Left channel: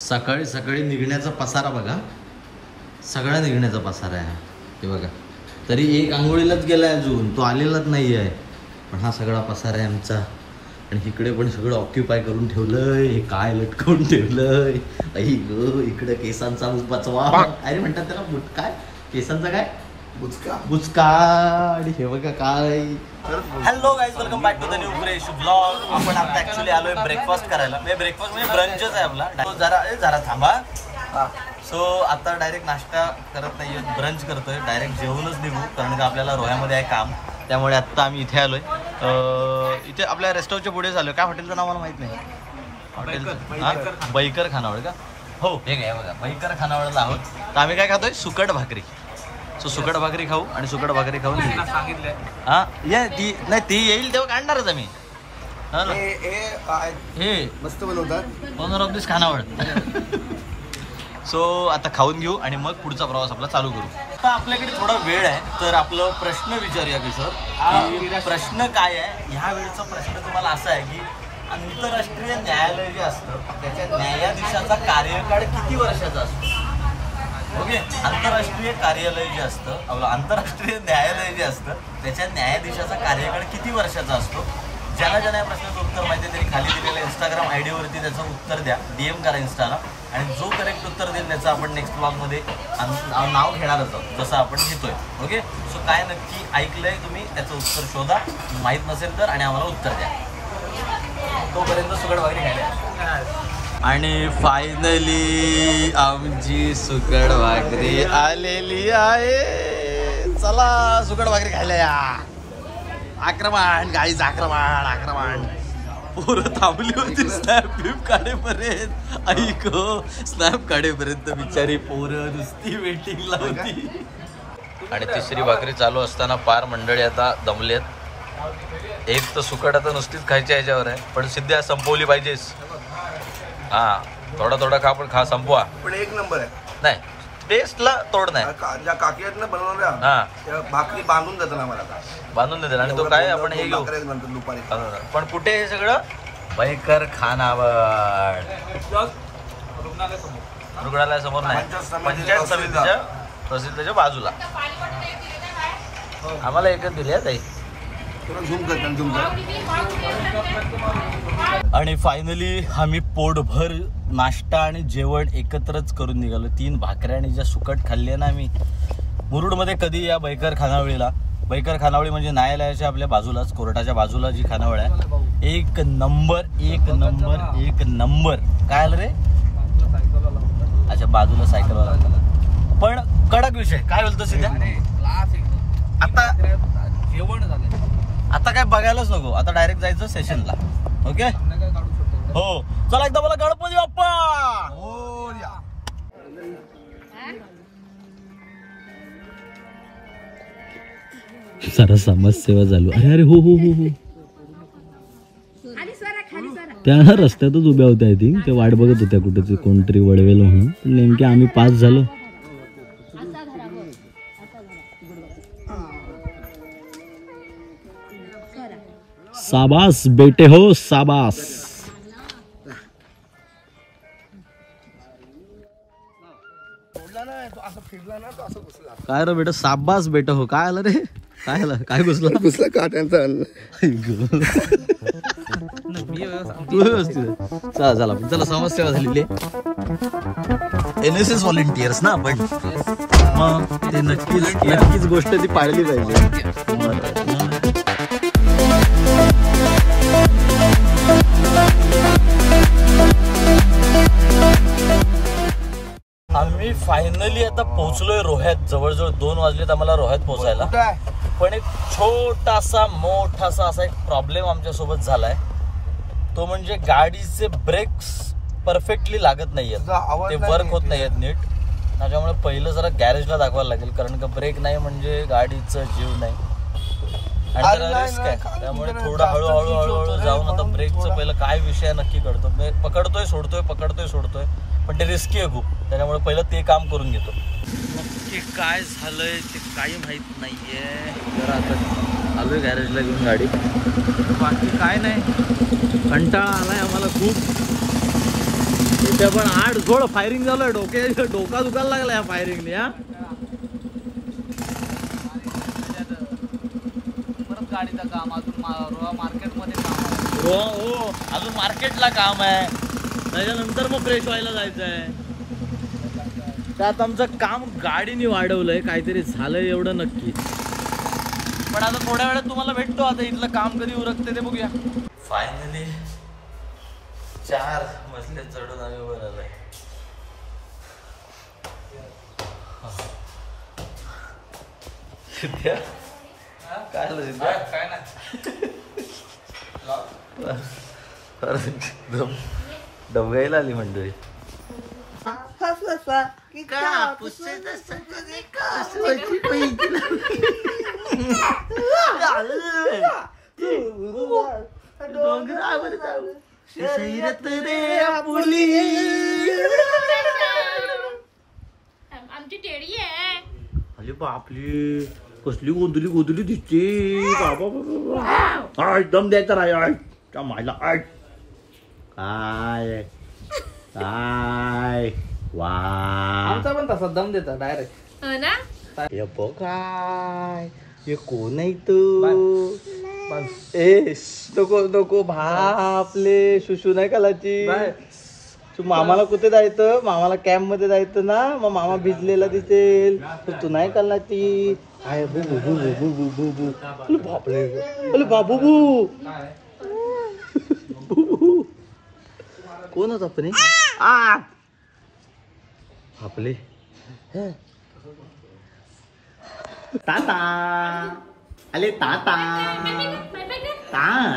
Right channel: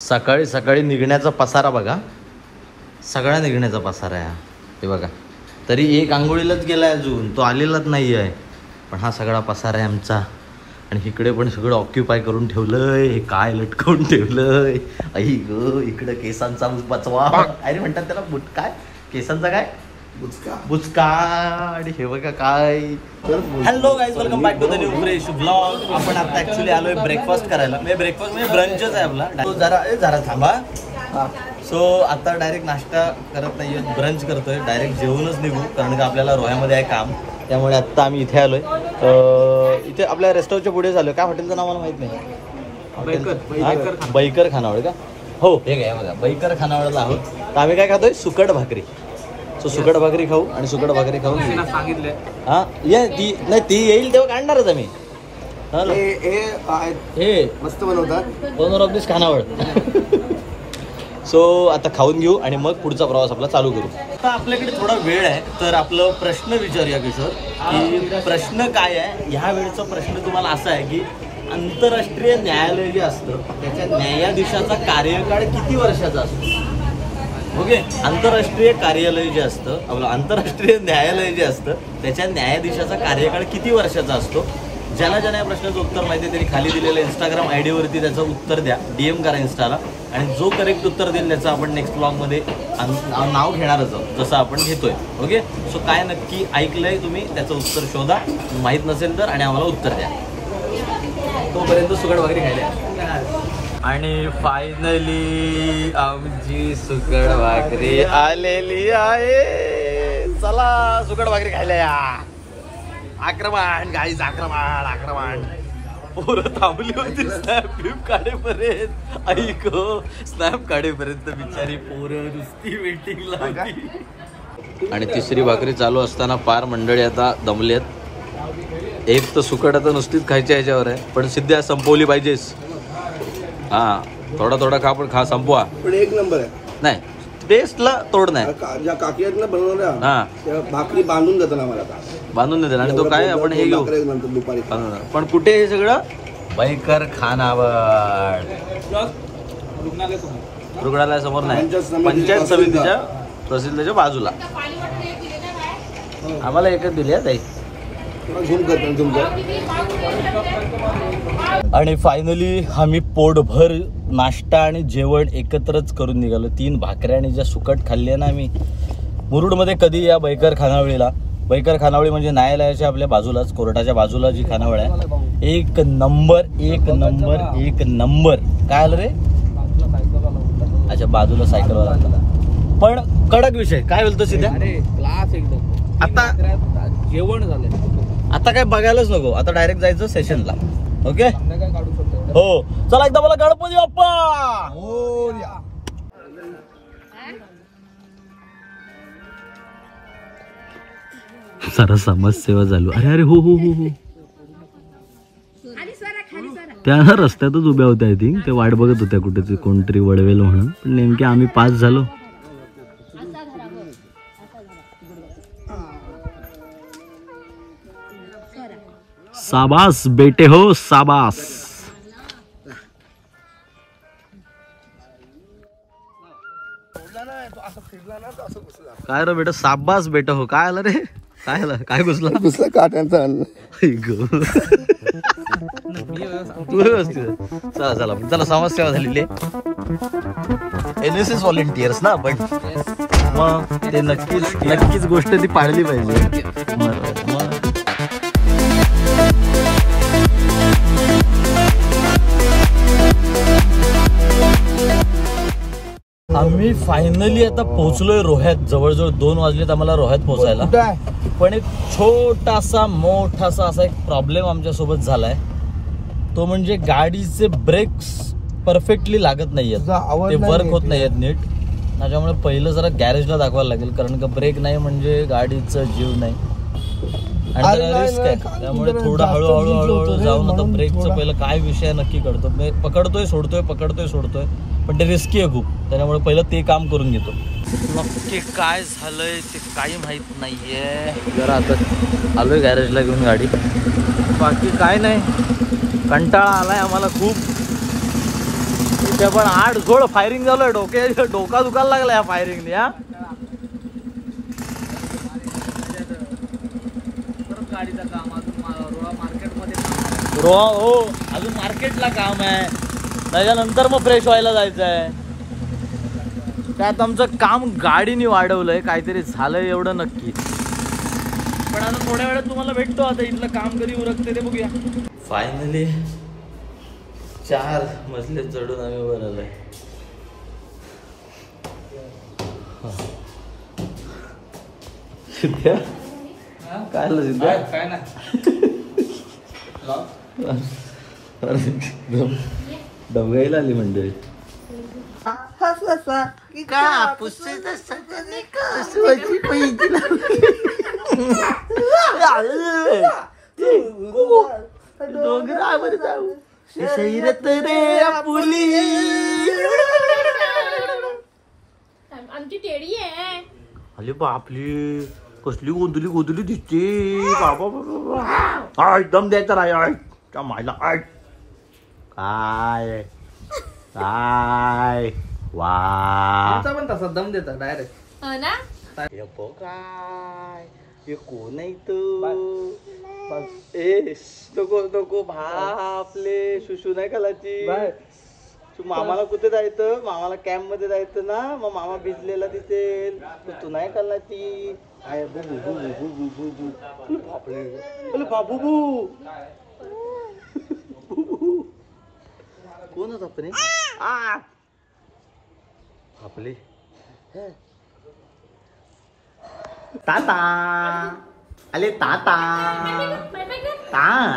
सकाळी सकाळी निघण्याचा पसारा बघा, सगळा निघण्याचा पसारा आहे हे बघा. तरी एक आंघोळीलाच गेलाय अजून, तो आलेलाच नाही आहे. पण हा सगळा पसारा आहे आमचा. आणि इकडे पण सगळं ऑक्युपाय करून ठेवलंय. हे काय लटकवून ठेवलंय आई ग. इकडे केसांचा बचवा काय म्हणतात त्याला, काय केसांचा काय बुचका. आणि हे बघा काय. Hello guys, welcome back to the new fresh blog. आपण आता ऍक्च्युली आलोय ब्रेकफास्ट करायला. म्हणजे ब्रेकफास्ट म्हणजे ब्रंचच आहे आपला. जरा थांबा. सो आता डायरेक्ट नाश्ता करत नाहीये, ब्रंच करतोय. डायरेक्ट जेवूनच निघू, कारण की आपल्याला रोह्यामध्ये आहे काम. त्यामुळे आत्ता आम्ही इथे आलोय. इथे आपल्या रेस्टॉरंटच्या पुढे आलोय. काय हॉटेलचं नाव मला माहित नाही. हॉटेल बैकर खानावळ का? हो हे काय बघा, बैकर खानावळला आहोत. तर आम्ही काय खातोय, सुकट भाकरी. सो सुकट भाकरी खाऊ आणि सुकट भाकरी खाऊन सांगितले. हा ये ती नाही, ती येईल तेव्हा काढणारच आम्ही. हे मस्त बनवतात ओनर ऑफ दिस खानावळ. सो आता खाऊन घेऊ आणि मग पुढचा प्रवास आपला चालू करू. आता आपल्याकडे थोडा वेळ आहे, तर आपलं प्रश्न विचारूया किशोर. की प्रश्न काय आहे ह्या वेळेचा प्रश्न तुम्हाला असा आहे की आंतरराष्ट्रीय न्यायालय जे असतं त्याच्या न्यायाधीशाचा कार्यकाळ किती वर्षाचा असतो. ओके, आंतरराष्ट्रीय कार्यालय जे असतं आपलं, आंतरराष्ट्रीय न्यायालय जे असतं त्याच्या न्यायाधीशाचा कार्यकाळ किती वर्षाचा असतो. ज्यांना ज्यांना या प्रश्नाचं उत्तर माहिती आहे त्यांनी खाली दिलेल्या इंस्टाग्राम आयडी वरती त्याचं उत्तर द्या, DM करा इंस्टाला. आणि जो करेक्ट उत्तर देईल त्याचं आपण नेक्स्ट ब्लॉगमध्ये नाव घेणारच आहोत, जसं आपण घेतोय. ओके, सो काय नक्की ऐकलंय तुम्ही त्याचं उत्तर शोधा, माहीत नसेल तर, आणि आम्हाला उत्तर द्या. तोपर्यंत सुकट भाकरी खायला. आणि फायनली आमची सुकट भाकरी आलेली आहे. चला सुकट भाकरी खायला या. आक्रमण गाईज, आक्रमण. पोरं थांबली होती स्नॅप बिप काढेपर्यंत. ऐक स्नॅप काढेपर्यंत बिचारी पोरं नुसती वेटिंगला होती. आणि तिसरी भाकरी चालू असताना पार मंडळी आता दमलेत. एक तर सुकट आता नुसतीच खायच्या ह्याच्यावर आहे, पण सिद्ध्या संपवली पाहिजेस. हा थोडा खा, पण खा संपवा. पण एक नंबर आहे. नाही टेस्टला तोड नाही. ज्या काकी आहेत ना बनवणाऱ्या, त्या भाकरी बांधून देतात आम्हाला. बांधून देतात. आणि तो काय आपण हे नंतर दुपारी. पण कुठे हे सगळं बैकर खानावळ रुग्णालयासमोर नाही, पंचायत समितीच्या तहसीलच्या बाजूला. आम्हाला एकच दिली आहे. आणि फायनली आम्ही पोटभर नाश्ता आणि जेवण एकत्रच करून निघालो. 3 भाकऱ्या आणि ज्या सुकट खाल्ली आहे ना आम्ही मुरुडमध्ये. कधी या बैकर खानावळीला. बैकर खानावळी म्हणजे न्यायालयाच्या आपल्या बाजूलाच, कोर्टाच्या बाजूला जी खानावळ आहे. एक नंबर. काय आलं रे? अच्छा, बाजूला सायकलवाला. पण कडक विषय. काय बोलतो सिद्ध्या? क्लास एकदम. आता जेवण झालंय. आता काय बघायलाच नको, आता डायरेक्ट जायचं सेशनला. ओके हो, चला एकदा मला गणपती बाप्पा मोरया. सारा समाजसेवा चालू. अरे हो हो हो हो, त्या रस्त्यातच उभ्या होत्या. आय थिंक ते वाट बघत होत्या कुठे कोणतरी वळवेल म्हणून. पण नेमके आम्ही पास झालो. साबास बेटे हो, साबास. काय रे बेटा, साबास बेटा हो. काय आलं रे? काय आलं? काय घुसला काट्यांचा. व्यवस्थित. चला समाजसेवा झालेली आहे. NSS व्हॉलेंटियर्स ना आपण, मग ते नक्कीच गोष्ट ती पाहिली पाहिजे. आम्ही फायनली आता पोहोचलोय रोह्यात. जवळजवळ 2 वाजलेत आम्हाला रोह्यात पोहोचायला. पण एक मोठासा असा एक प्रॉब्लेम आमच्या सोबत झालाय. तो म्हणजे गाडीचे ब्रेक्स परफेक्टली लागत नाहीयेत, ते वर्क होत नाहीयेत नीट. त्याच्यामुळे पहिलं जरा गॅरेजला दाखवायला लागेल, कारण का ब्रेक नाही म्हणजे गाडीचा जीव नाही. आणि रिस्क आहे, त्यामुळे थोडं हळूहळू जाऊन आता ब्रेकचं पहिलं काय विषय नक्की कळतो. पकडतोय सोडतोय, पण ते रिस्की आहे खूप. त्याच्यामुळे पहिलं ते काम करून घेतो. ते काय झालंय ते काही माहित नाहीये. जरा आता आलोय गॅरेजला घेऊन गाडी. बाकी काय नाही, कंटाळा आलाय आम्हाला खूप. इथे पण 8 झोड फायरिंग झालं. डोका दुखायला लागला या फायरिंगने. हा परत गाडीचं काम अजून मार्केटमध्ये काम आहे. हो अजून मार्केटला काम आहे. त्याच्यानंतर मग फ्रेश व्हायला जायचं आहे. त्यात आमचं काम गाडीने वाढवलंय. काहीतरी झालंय एवढं नक्की. पण आता थोड्या वेळात तुम्हाला भेटतो. आता इथलं काम कधी उरकते ते बघूया. फायनली 4 मजले चढून आम्ही वर आलोय. सिद्ध्या काय सिद्ध्या काय नाही डबगाईला आली मंडळी. आमची टेडी आहे. अरे बापली कसली गोंधली दिसते. बाबा दम द्यायचा नाही. मायला काय काय वा पण तसा दम देतो डायरेक्ट. हो ना. काय हे कोण आहे तू. ए नको नको बापले शुशू नाही कालाची. तू मामाला कुठे जायचं. मामाला कॅम्प मध्ये जायचं ना. मग मामा भिजलेला दिसेल तर तू नाही काला ती. काय बापले अरे बाबू कोण होता पण आपले ताता आले. ताता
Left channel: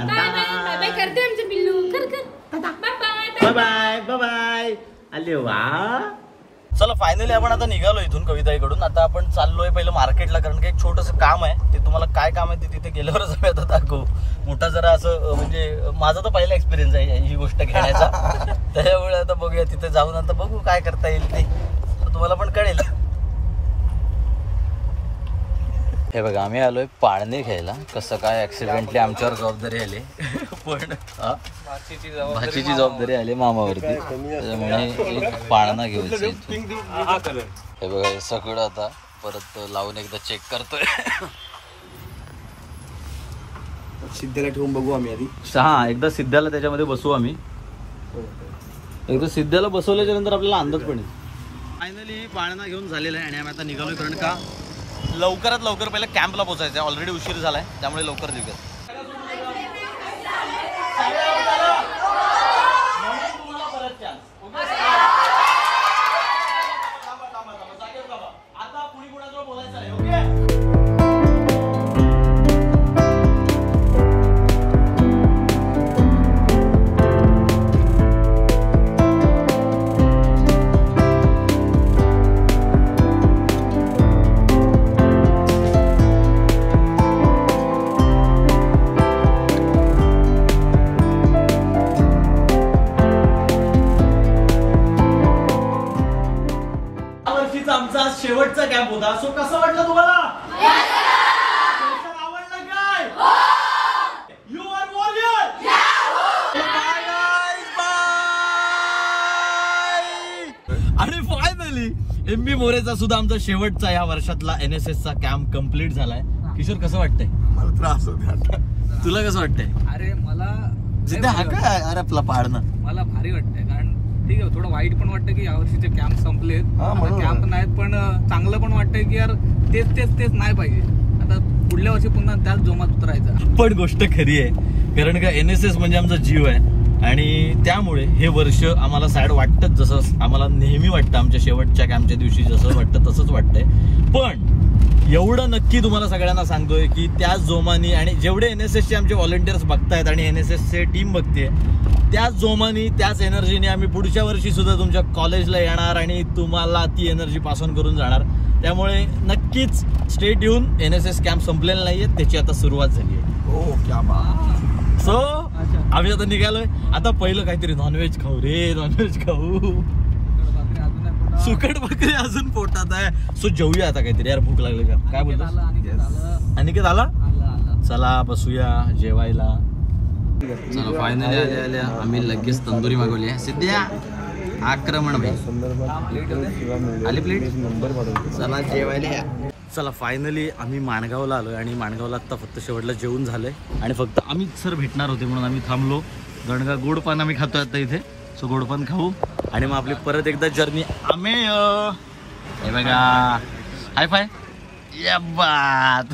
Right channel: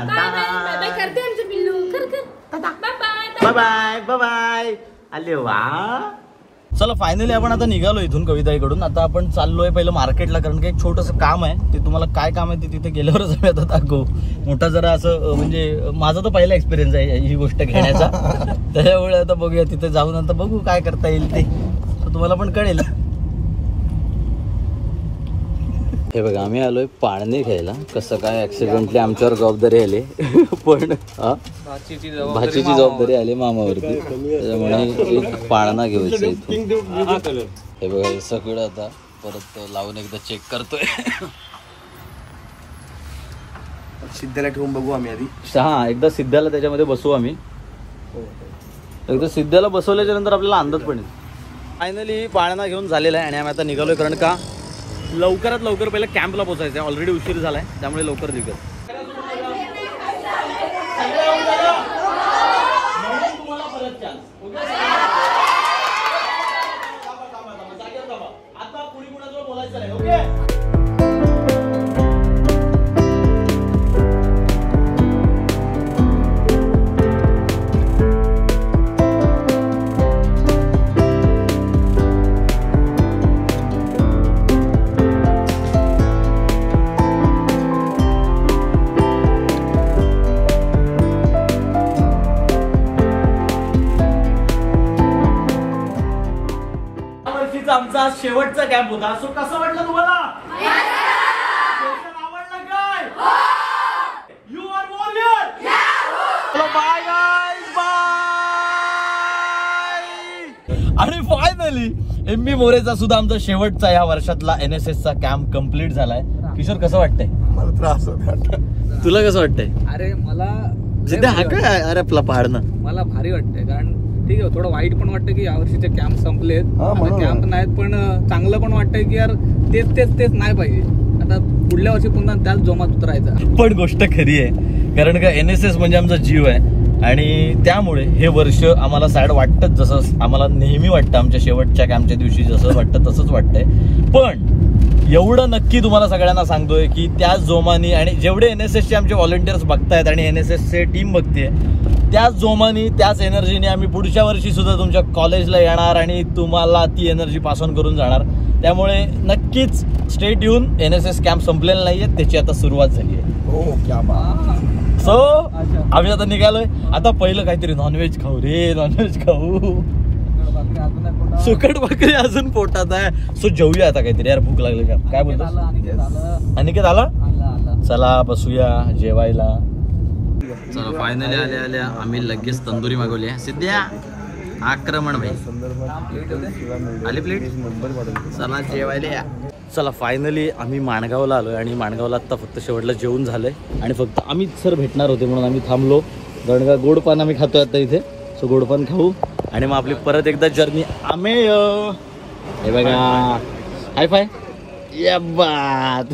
बाय बाय करते आमचे पिल्लू. कर bye bye bye bye bye. आले वा. चला फायनली आपण आता निघालो इथून कविताईकडून. आता आपण चाललोय पहिलं मार्केटला. कारण की एक छोटंसं काम आहे. ते तुम्हाला काय काम आहे ते तिथे गेल्यावरच आम्ही आता दाखवू. मोठा जरा असं म्हणजे माझा तर पहिला एक्सपिरियन्स आहे ही गोष्ट घेण्याचा. त्याच्यामुळे आता बघूया तिथे जाऊन आता बघू काय करता येईल ते तुम्हाला पण कळेल. हे बघा आम्ही आलोय पाळणे घ्यायला. कसं काय ऍक्सिडेंटली आमच्यावर जबाबदारी आली. पण भाचीची जबाबदारी आली मामावरती. त्याच्यामुळे एक पाळणा घ्यायचा इथून. हे बघा हे सगळं आता परत लावून एकदा चेक करतोय. सिद्ध्याला ठेवून बघू आम्ही आधी. हा एकदा सिद्ध्याला त्याच्यामध्ये बसवू आम्ही. एकदा सिद्ध्याला बसवल्याच्या नंतर आपल्याला अंदाज पण येईल. फायनली पाळणा घेऊन झालेला आहे आणि आम्ही आता निघालोय. कारण का लवकरात लवकर पहिला कॅम्पला पोहोचायचं आहे. ऑलरेडी उशीर झालाय त्यामुळे लवकर निघत. आता कुणी कुणाजवळ बोलायचं नाही. ओके. आमचा शेवटचा कॅम्प होता. सो कसं वाटलं तुम्हाला. आवडलं काय. You are warrior. Bye guys bye. आणि फायनली MB मोरेचा सुद्धा आमचा शेवटचा या वर्षातला NSS चा कॅम्प कम्प्लीट झालाय. किशोर कसं वाटतंय. मला त्रास होत. तुला कसं वाटतंय. अरे मला हा काय अरे आपला पाडणं मला भारी वाटतंय. कारण ठीक आहे थोडं वाईट पण वाटतं की यावर्षीचे कॅम्प संपलेत. कॅम्प नाहीत पण चांगलं पण वाटतंय की यार तेच तेच तेच नाही पाहिजे. आता पुढल्या वर्षी पुन्हा त्याच जोमात उतरायचं. पण गोष्ट खरी आहे. कारण का NSS म्हणजे आमचा जीव आहे. आणि त्यामुळे हे वर्ष आम्हाला सॅड वाटतंच. जसं आम्हाला नेहमी वाटतं आमच्या शेवटच्या कॅम्पच्या दिवशी जसं वाटतं तसंच वाटतंय. पण एवढं नक्की तुम्हाला सगळ्यांना सांगतोय की त्याच जोमानी आणि जेवढे NSSचे आमचे व्हॉलंटियर्स बघतायत आणि NSSचे टीम बघते त्याच जोमानी त्याच एनर्जीने आम्ही पुढच्या वर्षी सुद्धा तुमच्या कॉलेजला येणार आणि तुम्हाला ती एनर्जी पास ऑन करून जाणार. त्यामुळे नक्कीच स्टेट येऊन NSS कॅम्प संपलेला नाहीये. त्याची आता सुरुवात झाली आहे. सो आम्ही आता निघालोय. आता पहिलं काहीतरी नॉनव्हेज खाऊ रे. नॉनव्हेज खाऊ. सुकट भाकरी अजून पोटात आहे. सो जेवूया आता काहीतरी. यार भूक लागली का काय बोलतो. अनिकेत आला. चला बसूया जेवायला. चला फायनली आल्या आल्या आम्ही लगेच तंदुरी मागवली आहे. सिद्ध्या आक्रमण भाई. आली प्लेट. चला जेवायला या. चला फायनली आम्ही माणगावला आलोय आणि माणगावला आता फक्त शेवटला जेवण झालंय आणि फक्त अमित सर भेटणार होते म्हणून आम्ही थांबलो. गणगा गोडपान आम्ही खातोय आता इथे. सो गोडपान खाऊ आणि मग आपली परत एकदा जर्नी आम्ही हे बघा हाय फाय या बात.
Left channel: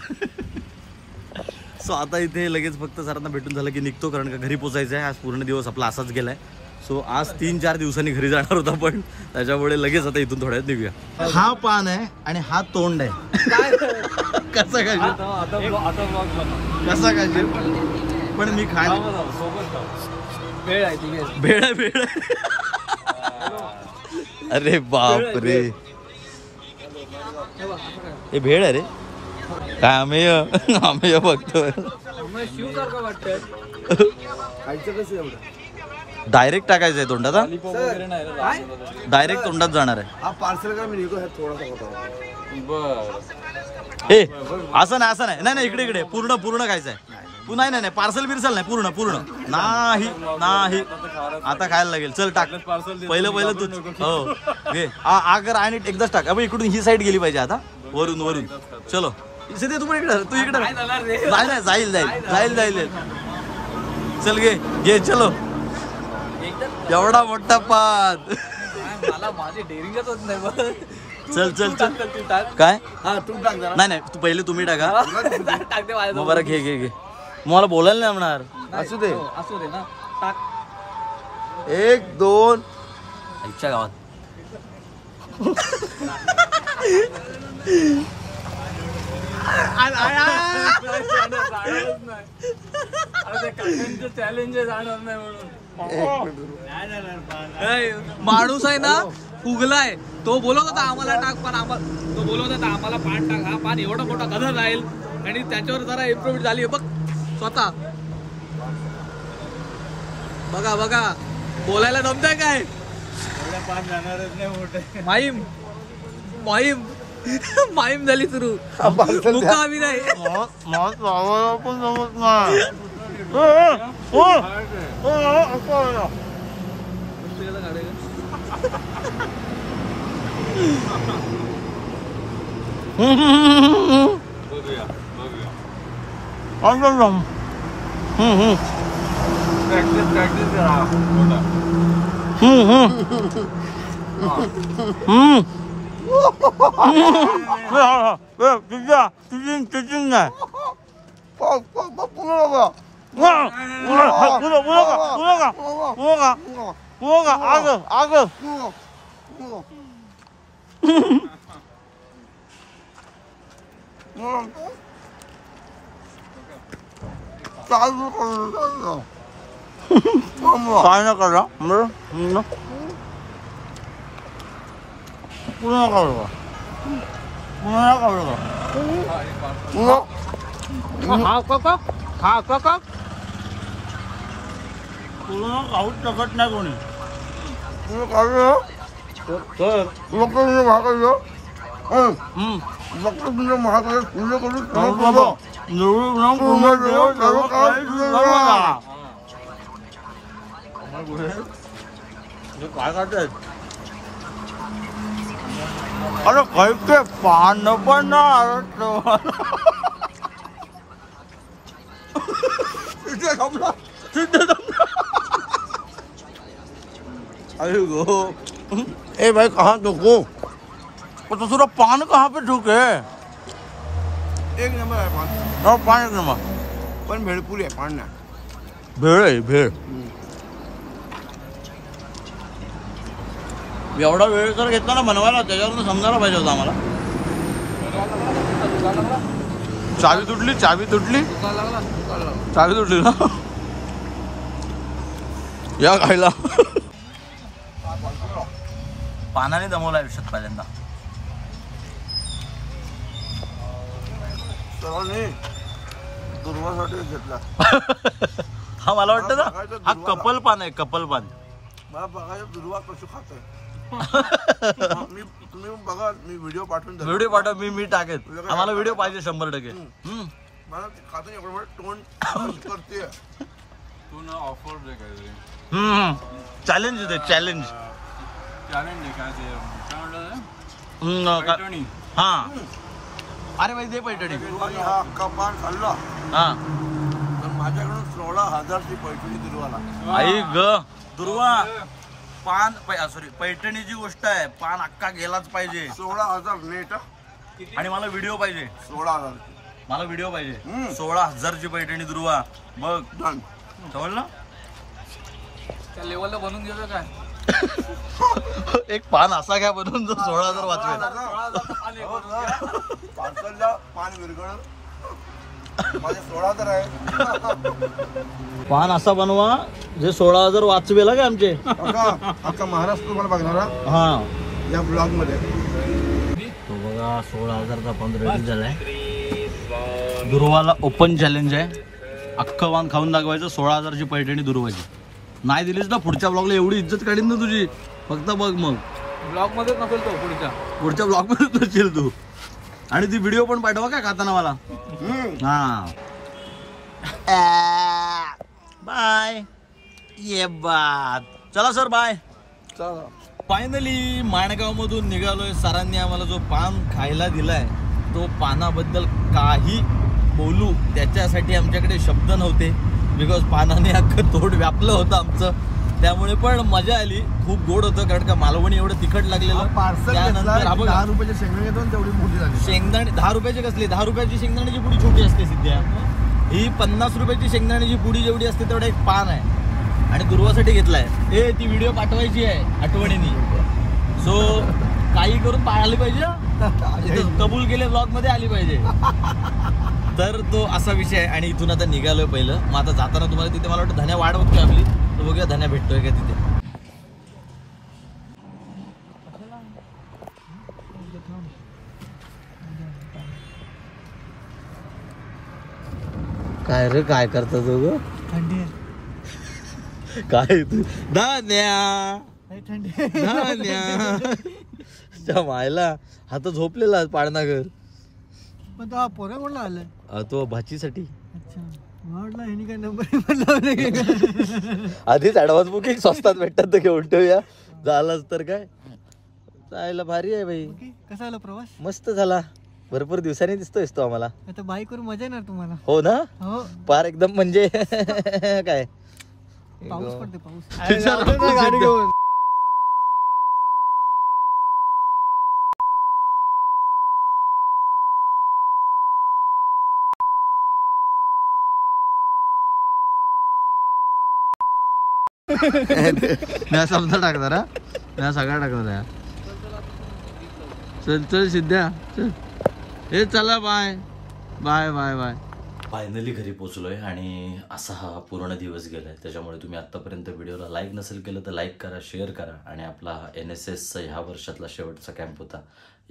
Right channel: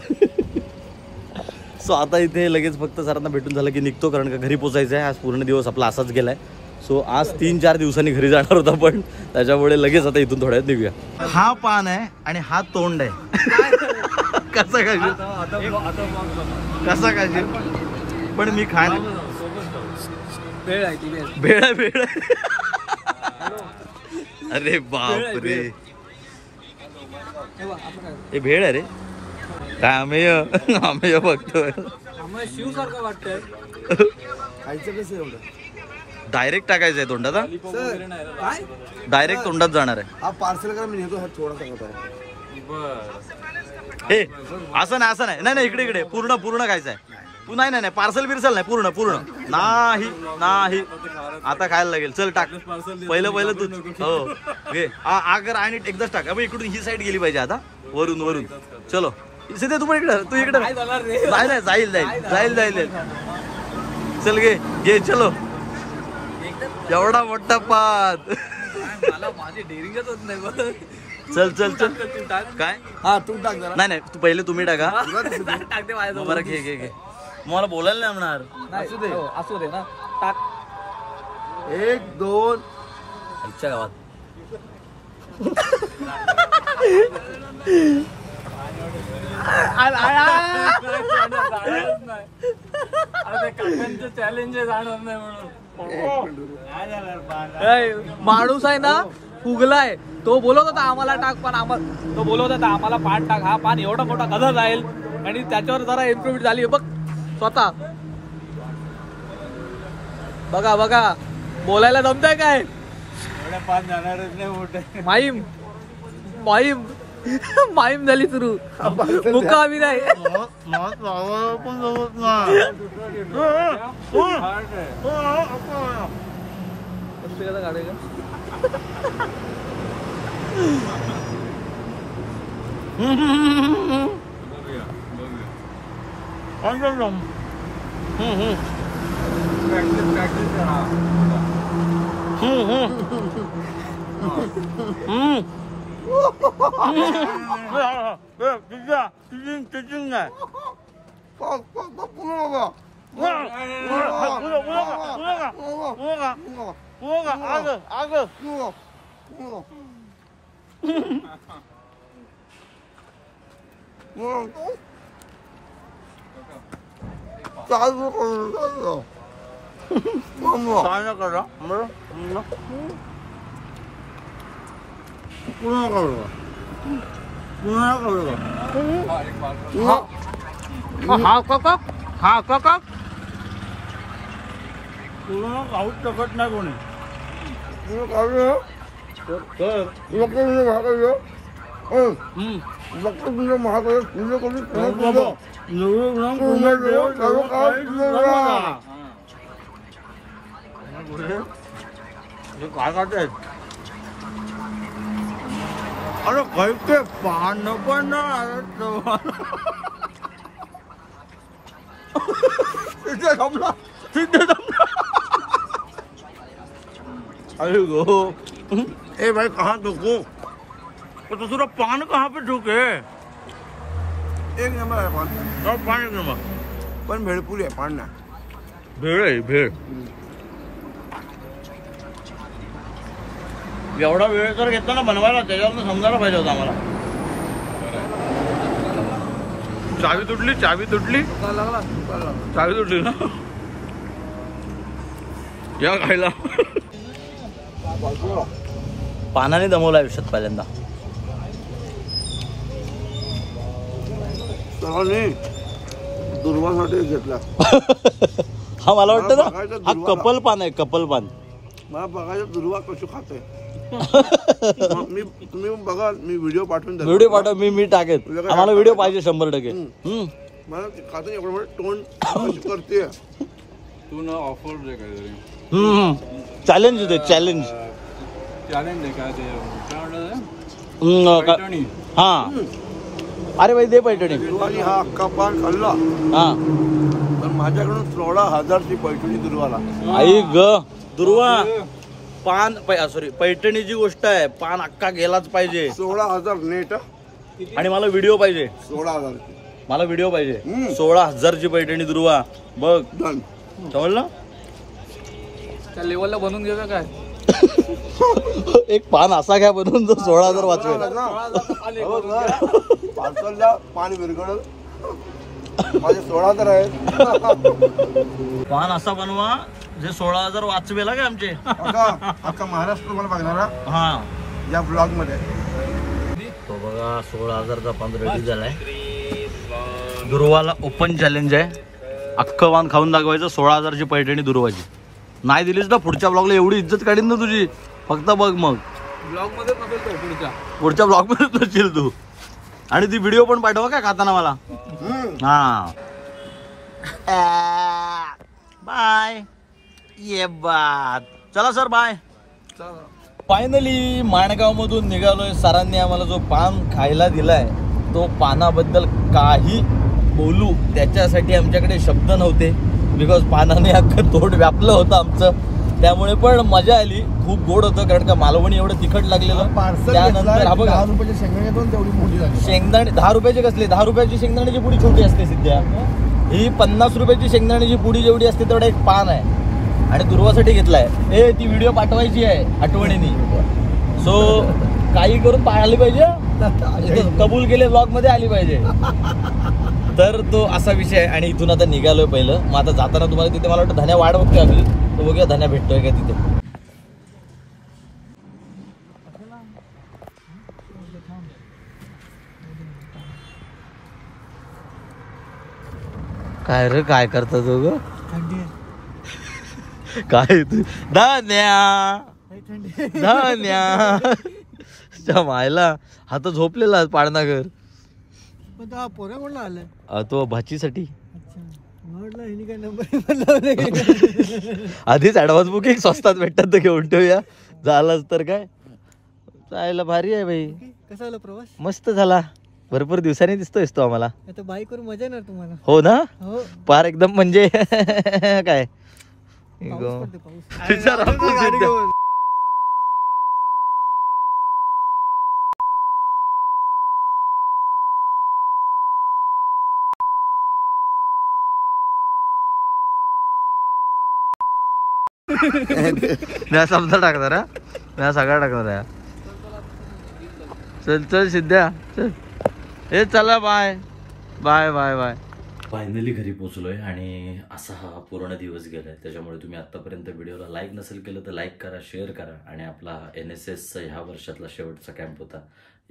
सो आता इथे लगेच फक्त सरांना भेटून झालं की निघतो कारण का घरी पोचायचं आहे. आज पूर्ण दिवस आपला असाच गेलाय. सो आज 3-4 दिवसांनी घरी जाणार होता पण त्याच्यामुळे लगेच आता इथून थोड्यात निघूया. हा पान आहे आणि हा तोंड आहे. कसा खाशील कसा खाशील पण मी खाण भेळ आहे ती भेळ आहे भेळ आहे. अरे बाप रे हे भेळ आहे रे. काय आम्ही बघतोय शिवसारखं वाटतंय. डायरेक्ट टाकायचं आहे तोंडात. काय डायरेक्ट तोंडात जाणार आहे. हा पार्सल का मी नेतो थोडासा होता. हे असं नाही नाही नाही इकडे पूर्ण खायचं आहे. नाही नाही पार्सल बिर्सल नाही पूर्ण नाही नाही आता खायला लागेल. चल टाक पहिलं तू. हो घे आगर आणि एकदाच टाक. अबे इकडून ही साईड गेली पाहिजे आता वरून. चलो सिद्धे तू पण इकडे तू इकडे नाही जाईल. चल घे चलो. एवढा मोठा पात. चल काय हा तू टाक जरा. नाही तू पहिले तुम्ही टाका मग बरं घे मला बोलायला नाही म्हणणार. असू दे ना टाक. 1 2 आईच्या गावात माणूस आहे ना फुगलाय. तो बोलत होता आम्हाला टाक पण आम्हाला पान टाक. हा पान एवढा मोठा कसा जाईल आणि त्याच्यावर जरा इम्प्रूव्ह झाली बघ स्वतः. बघा बोलायला जमतंय काय. माईम झाली सुरू. मुका आम्ही नाही. काय ना करा खाऊच शकत नाही कोणी. काय करते अरे कैसे पान पण अरे गो ए भाई कहाँ ठोको तो दूसरा पान कहाँ पे ठोके. 1 नंबर आहे पान. और पान 1 नंबर पण भेळपुरी आहे पान नाही. भेळ आहे भेळ. एवढा वेळ जर घेतला ना बनवायला त्याच्यावरून समजायला पाहिजे होतं आम्हाला. चावी तुटली चावी तुटली ना या खायला. पानाने दमवला आयुष्यात पहिल्यांदा. दुर्वासाठी घेतला. हा मला वाटतं ना हा कपल पान आहे कपल पान. मला बघायचं दुर्वा कशी खाते. तुम्ही बघा मी व्हिडिओ पाठवून व्हिडिओ पाठव मी टाकेन. आम्हाला व्हिडिओ पाहिजे 100%. मला खातो एवढं तोंड करते. तू ना ऑफर दे काहीतरी. चॅलेंज दे चॅलेंज. चॅलेंज आहे काय ते काय म्हणतात हा अरे भाई दे पैठणी. दुर्वानी हा अख्खा पान खाल्ला हा पण माझ्याकडून 16,000ची पैठणी दुर्वाला. आई ग दुर्वा पान सॉरी पैठणीची गोष्ट आहे. पान अख्खा गेलाच पाहिजे. 16,000 नेट. आणि मला व्हिडिओ पाहिजे. 16,000. मला व्हिडिओ पाहिजे. 16,000ची पैठणी दुर्वा बघ. डन. समजलं. त्या लेवलला बनवून घेऊया काय. एक पान असा घ्या बनवून जो 16,000 वाचवेल. पार्सलला पान विरघळल. माझे 16,000 आहेत. पान असा बनवा जे 16,000 वाचवेल का आमचे. अख्खा महाराष्ट्र मला बघणारा हा या ब्लॉग मध्ये. तो बघा 16,000चा पान रेडी झालाय. दुर्वाला ओपन चॅलेंज आहे. अख्खं पान खाऊन दाखवायचं. 16,000ची पैठणी दुर्वाची. नाही दिलीस ना पुढच्या ब्लॉगला एवढी इज्जत काढीन ना तुझी. फक्त बघ मग ब्लॉग मध्ये नसेल तो पुढच्या ब्लॉग मध्ये नसेल तू. आणि ती व्हिडिओ पण पाठवा का खाताना मला. हा बाय. ये बात. चला सर बाय. फायनली माणगाव मधून निघालोय. सरांनी आम्हाला जो पान खायला दिलाय तो पानाबद्दल काही बोलू त्याच्यासाठी आमच्याकडे शब्द नव्हते. बिकॉज पानाने अख्खं तोंड व्यापलं होतं आमचं. त्यामुळे पण मजा आली. खूप गोड होतं कारण का मालवणी एवढं तिखट लागलेलं. त्यानंतर हा बघा 10 रुपयाचे शेंगदाणे दोन तेवढी मोठी झाली. शेंगदाणे 10 रुपयाचे कसले. 10 रुपयाची शेंगदाण्याची पुडी छोटी असते सिद्ध्या. ही 50 रुपयाची शेंगदाण्याची पुडी जेवढी असते तेवढा एक पान आहे. आणि दुर्वासाठी घेतलाय. ती व्हिडिओ पाठवायची आहे आठवणीने. सो काही करून पाहायला पाहिजे. कबूल केले ब्लॉग मध्ये आली पाहिजे. तर तो असा विषय आहे. आणि इथून आता निघालोय पहिलं. मग आता जाताना तुम्हाला तिथे मला वाटतं धन्या वाट बघतोय आपली. तो बघूया धन्या भेटतोय का तिथे. काय रे काय करता तो. थंडी काय धान्या धान्या मायला हा तर झोपलेला पाळणाघर. पण तो पोरा कोणला आलाय. तो भाचीसाठी. अच्छा म्हटलं ह्यानी काय नंबर आधीच ऍडव्हान्स बुकिंग स्वस्तात भेटतात तर घेऊन ठेवूया. झालंच तर काय. जायला भारी आहे भाई. कसा आला प्रवास. मस्त झाला. भरपूर दिवसांनी दिसतोयस तो आम्हाला. आता बाईक वर मजा येणार तुम्हाला. हो ना. हो पार एकदम म्हणजे काय पाऊस पडते पाऊस. मी समजा टाकणार हा. मी सगळा टाकणार आहे. चल चल सिद्ध्या चल. हे चला bye bye bye bye. Finally घरी पोचलोय आणि असा हा पूर्ण दिवस गेलाय. त्याच्यामुळे तुम्ही आतापर्यंत व्हिडिओला लाईक नसेल केलं तर लाईक करा, शेअर करा. आणि आपला NSSचा ह्या वर्षातला शेवटचा कॅम्प होता.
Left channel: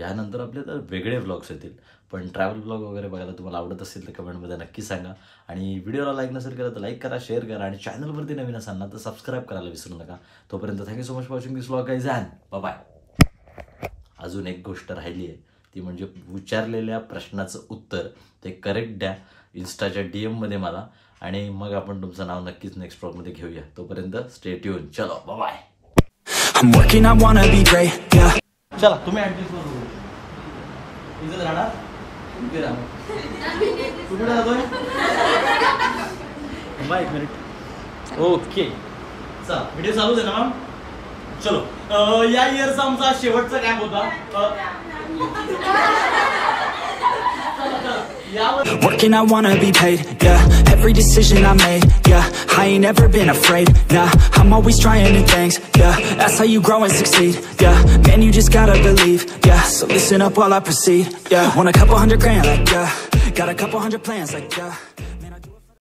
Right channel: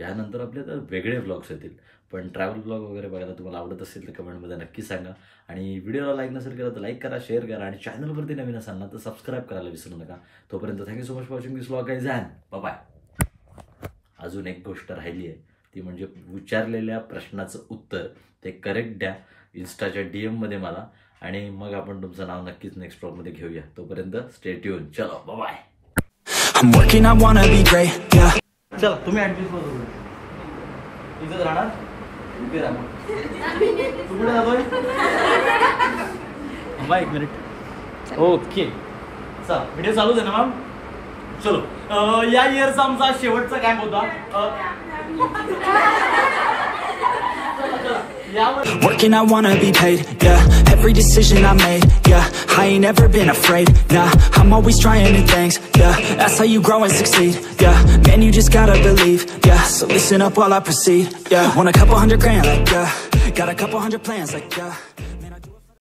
यानंतर आपले तर वेगळे व्लॉग्स येतील. पण ट्रॅव्हल व्लॉग वगैरे बघायला तुम्हाला आवडत असेल तर कमेंटमध्ये नक्की सांगा. आणि व्हिडिओला लाईक नसेल केलं तर लाईक करा, शेअर करा. आणि चॅनलवरती नवीन असाल ना तर सबस्क्राईब करायला विसरू नका. तोपर्यंत thank you so much for watching this vlog guys and bye. अजून एक गोष्ट राहिली आहे ती म्हणजे विचारलेल्या प्रश्नाचं उत्तर ते करेक्ट द्या इन्स्टाच्या DM मध्ये मला. आणि मग आपण तुमचं नाव नक्कीच नेक्स्ट व्लॉग मध्ये घेऊया. तोपर्यंत स्टे ट्यून. चलो bye. I'm working, I wanna be great, yeah. चला तुम्ही ऍडजस्ट करू. इथं राहणार. इथे राहणार. कुठे राहतोय. बाय एक मिनिट. ओके चला व्हिडिओ चालू आहे ना मॅम. चलो या इयरचा आमचा शेवटचा कॅम्प होता. Working, I wanna be paid, yeah. Every decision I made, yeah. I ain't never been afraid, nah. I'm always trying new things, yeah. That's how you grow and succeed, yeah. Man, you just gotta believe, yeah. So listen up while I proceed, yeah. Want a couple $100 grand, like, yeah. Got a couple hundred plans, like, yeah.